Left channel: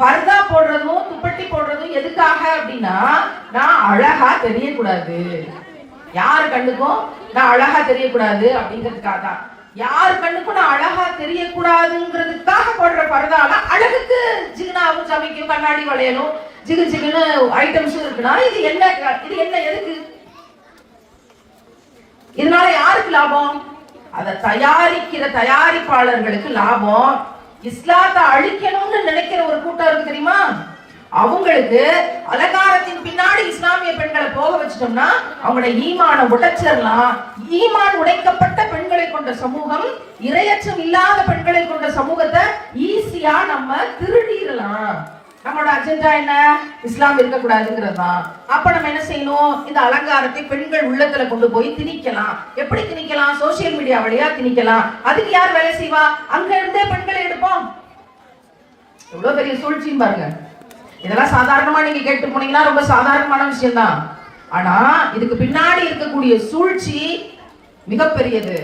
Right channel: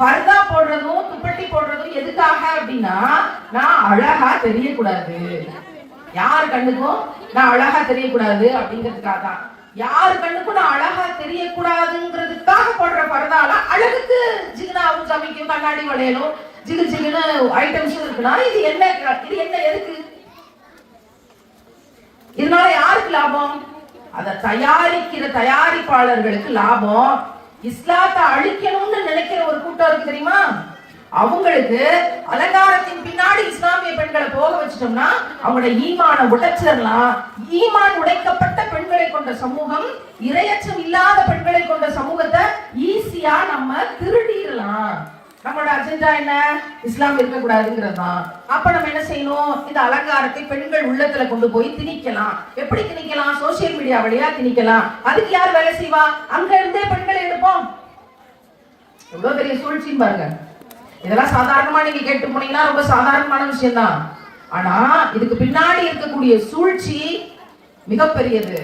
பர்தா போடுறதும் துப்பட்டி போடுறதும் எதுக்காக அப்படின்னா, நான் அழகா தெரியக்கூடாது, யார் கண்ணுக்கும் நான் அழகா தெரியக்கூடாது அப்படிங்கிறதுக்காக தான். யார் கண்ணுக்கும் நான் அழகா தெரியக்கூடாதுங்கிறதுக்காக போடுற பர்தால அழகுக்கு ஜிகுனாவும் சமைக்கும் கண்ணாடி வளையலும் ஜிகு ஜிகுன்னு ஐட்டம்ஸும் இருக்குன்னா இது என்ன எதுக்கு? இதனால யாருக்கு லாபம்? அதை தயாரிக்கிற தயாரிப்பாளர்களுக்கு லாபம். இஸ்லாத்தை அழிக்கணும்னு நினைக்கிற ஒரு கூட்டம் இருக்கு தெரியுமா, அவங்களுக்கு அலங்காரத்தின் பின்னாடி இஸ்லாமிய பெண்களை போக வச்சிட்டோம்னா அவங்களோட ஈமான உடைச்சிடலாம். ஈமான் உடைக்கப்பட்ட பெண்களை கொண்ட சமூகம், இரையச்சம் இல்லாத பெண்களை கொண்ட சமூகத்தை ஈஸியா நம்ம திருடிடலாம். நம்மளோட அஜெண்டா என்ன? இஸ்லாம் இருக்கக்கூடாதுங்கிறது தான். அப்ப நம்ம என்ன செய்யணும்? இந்த அலங்காரத்தை பெண்கள் உள்ளத்துல கொண்டு போய் திணிக்கலாம். எப்படி திணிக்கலாம்? சோசியல் மீடியா வழியா திணிக்கலாம். அதுக்கு யார் வேலை செய்வா? அங்க இருந்தே பெண்களை எடுப்போம். எவ்வளவு பெரிய சூழ்ச்சின்னு பாருங்க. இதெல்லாம் சாதாரணமா நீங்க கேட்டு போனீங்கன்னா ரொம்ப சாதாரணமான விஷயம் தான். ஆனா இதுக்கு பின்னாடி இருக்கக்கூடிய சூழ்ச்சி மிகப்பெரியது.